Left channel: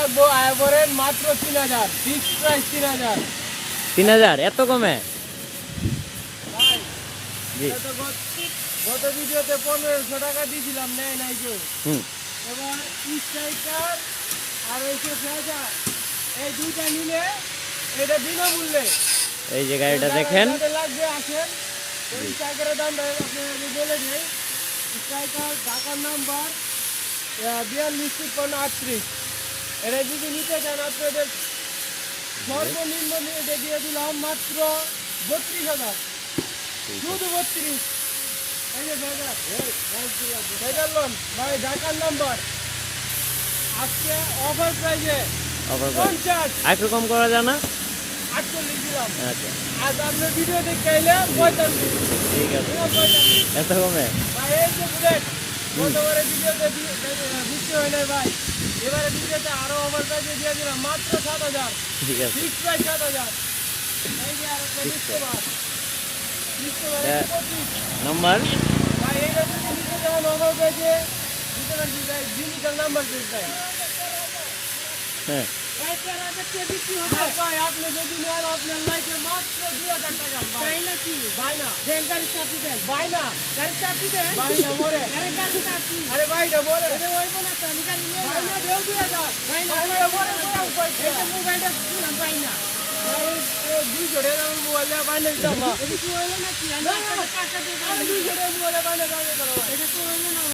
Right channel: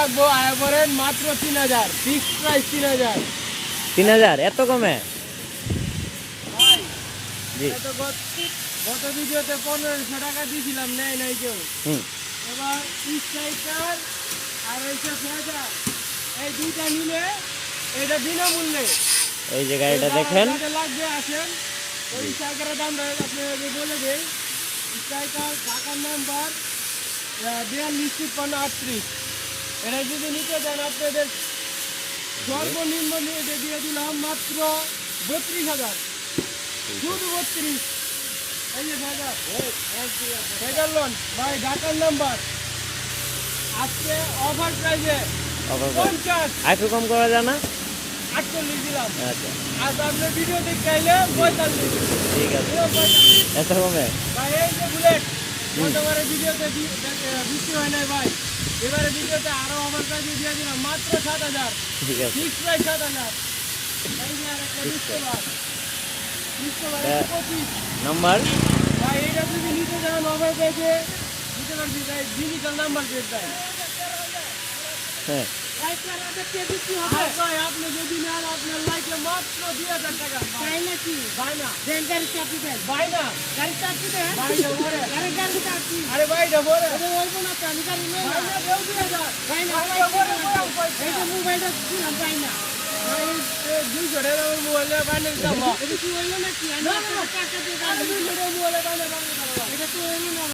থাকবো আয় করেন মাত্র 3000, ফিক্সড প্রাইস 3000। 3000 এত কমে? ভাই জি। এটা তো গত ভিডিওতে 1500 টাকা দিয়েছিলাম, নেয় নাই কেউ। হুম। এবার স্ট্রাইকার আর এইসব ফেজার এই দুইটা নিলে এটা বিনামূল্যে। এই যে গাড়িটা দেখেন, লাগবে আসেন। ওই স্ট্রাইকারের দাম আপনার বলে দেয়। স্ট্রাইকার ঢাকার নাম্বার 4253। এটা যদি নিতে চান আপনাদের সর্বনিম্ন নিয়ে দিয়ে দিলাম মাত্র 32,000, শুধু 32। এই যে ফেজার লোন ভাই, ঢাকার নাম্বার আজকে অফার প্রাইজে অফার 50, আর একটু কম করা যায় না? 48 দিলাম। আচ্ছা আজ আপনার ভিডিও দেখতে চাইলে 45, ঠিক আছে, 45। এত কমে? ভাই এই যে বুলেট গতবারে ভিডিওতে বিক্রি হয় নাই ভাই, এবারে ভিডিওতে আরো অফার প্রাইজে দিয়ে দিলাম মাত্র 7000, ঠিক আছে। Fix price 7000। এই যে আরেকটা ডিসকভার, ডিসকভার 25। নাম্বার ভাই এটা যদি নিতে যান অফার প্রাইজে দিতে পারছি ভাই, ডিজিটাল নাম্বার প্লেট ভাই। হ্যাঁ, ভাই আপনি যদি নেন আপনার লাইফে মাত্র 2000 টাকা। তাই নাকি? ভাই না গাড়ি চাপি দেন, ভাই না গাড়ি চাপি দেন, ভাই না মরে, আরে গাড়ি চাপি, আরে ভাই না মরে, আরে হইব না তো, আমি গাড়ি নেই, ভাই না দেও 2000, ভাই না মরে এই যে মোবাইলটা দিলাম, ভাই না ভাই এই 200 টাকা মোবাইল ভাই না দাও, এটা কি হলো নাকি? আমি টাকা দিয়ে 200 টাকা মোবাইল ভাই না দাও, এটা তো হলো না।